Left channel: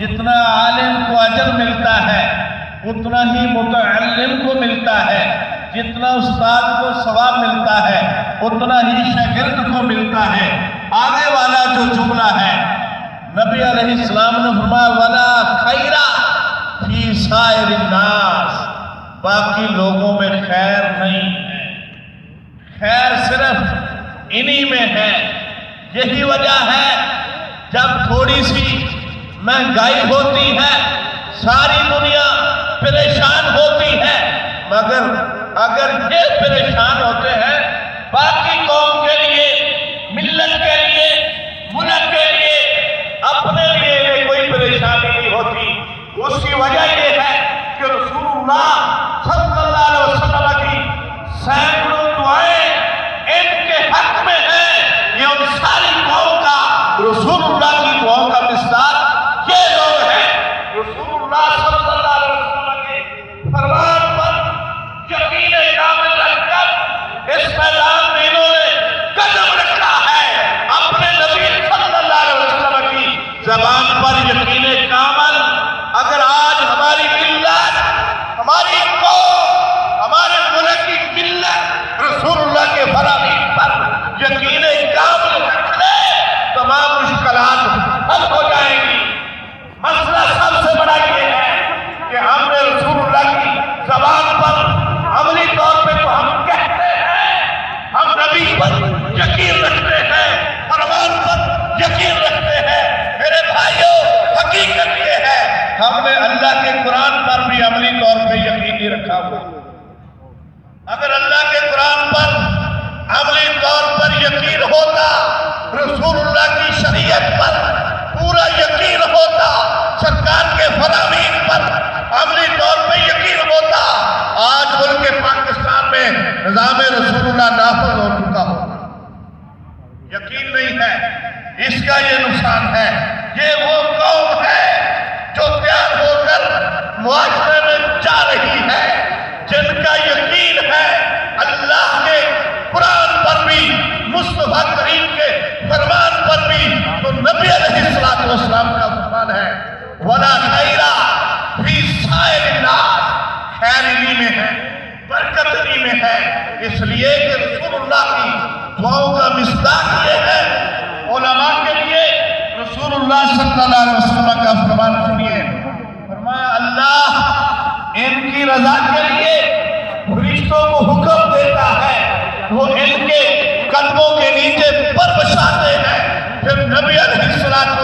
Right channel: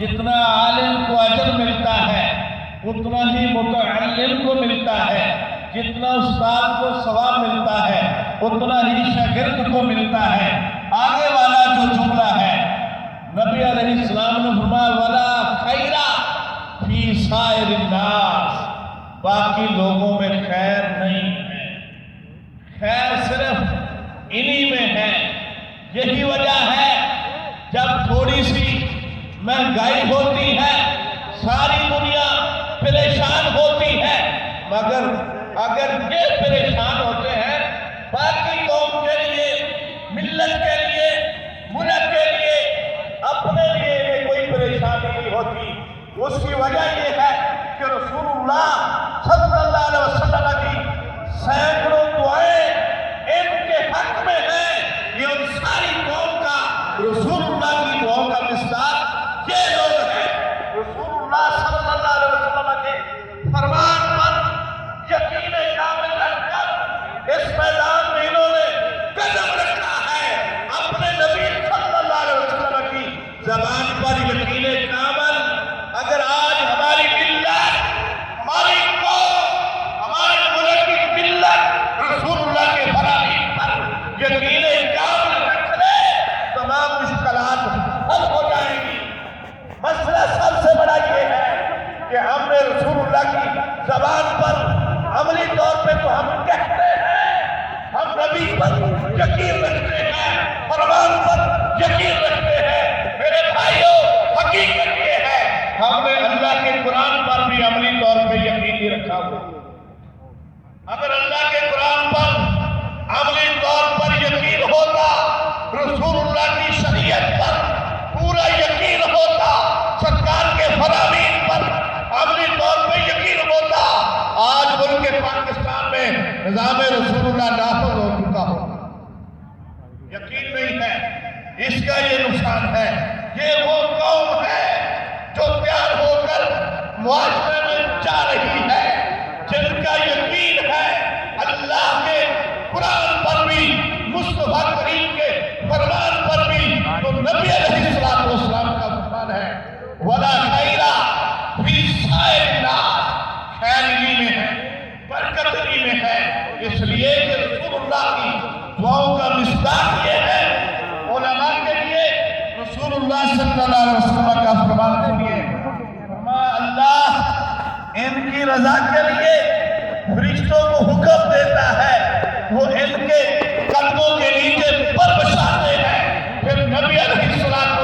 جتنا عالم کو اجر ملتا ہے اتنا ہی متعلم کو ملتا ہے، جتنا استاد کو ثواب ملتا ہے اتنا ہی شاگرد کو ملتا ہے۔ آنے والا جو جملہ ہے نبی علیہ السلام نے فرمایا وَلَا خَيْرَ فِي سَائِرِ النَّاسِ، باقی لوگوں میں خیر نہیں ہے، خیر صرف انہی میں ہے۔ یہی وجہ ہے جب تھوڑی سی مہنگائی ہوتی ہے ساری دنیا پریشان ہوتی ہے، مگر اگر یہ پریشان ہوتے ہیں باقی قوم کے لیے، ملت کے لیے، ملک کے لیے، اپنے لیے کوئی پریشانی نہیں ہوتی۔ اس کی وجہ یہ ہے کہ رسول اللہ صلی اللہ علیہ وسلم کی سینکڑوں دعائیں ان کے حق میں ہیں۔ یہ ان ساری قوم کا رسول اللہ کی دعاؤں کا مصداق یہ لوگ ہیں۔ رسول اللہ صلی اللہ علیہ وسلم کے فرمان پر یقین کامل رکھ کر اس میدان میں انہوں نے قدم رکھا ہے۔ اپنے نبی صلی اللہ علیہ وسلم کی زبان پر یقین کامل، اگر آج ہماری ملت، ہماری قوم، ہمارے ملک کی ملت رسول اللہ کے فرامین پر یقین کامل رکھ لے تمام مشکلات حل ہو جائیں گی۔ مسئلہ سب سے بڑا یہ ہے کہ ہم نے رسول اللہ کی زبان پر عملی طور پہ تو ہم کہتے ہیں، ہم نبی پر یقین رکھتے ہیں، فرمان پر یقین رکھتے ہیں۔ میرے بھائیوں، حقیقت یہ ہے ہم نے اللہ کے قرآن پر بھی عملی طور پہ یقین نہیں رکھا ہوا۔ اگر اللہ کے قرآن پر عملی طور پر یقین ہوتا، رسول اللہ کی شریعت پر پورا یقین ہوتا، سرکار کے فرامین پر عملی طور پہ یقین ہوتا، آج ملک پاکستان میں نظام رسول اللہ نافذ ہو چکا ہوتا۔ یقین نہیں ہے، اس کا یہ نقصان ہے۔ یہ وہ قوم ہے جو تیار ہو کر معاشرے میں جا رہی ہے، جن کا یقین ہے اللہ کے قرآن پر بھی، مصطفیٰ کریم کے فرمان پر بھی، تو نبی علیہ السلام کا فرمان ہے وَلَا خَيْرَ فِي سَائِرِ النَّاسِ، خیر انہی میں ہے، برکت انہی میں ہے۔ اس لیے کہ رسول اللہ کی دعاؤں کا مصداق یہ ہے۔ علماء کے لیے رسول اللہ صلی اللہ علیہ وسلم کا فرمان سنیے، فرمایا اللہ ان کی رضا کے لیے فرشتوں کو حکم دیتا ہے، وہ ان کے قدموں کے نیچے پر بچھاتے ہیں۔ پھر نبی علیہ السلام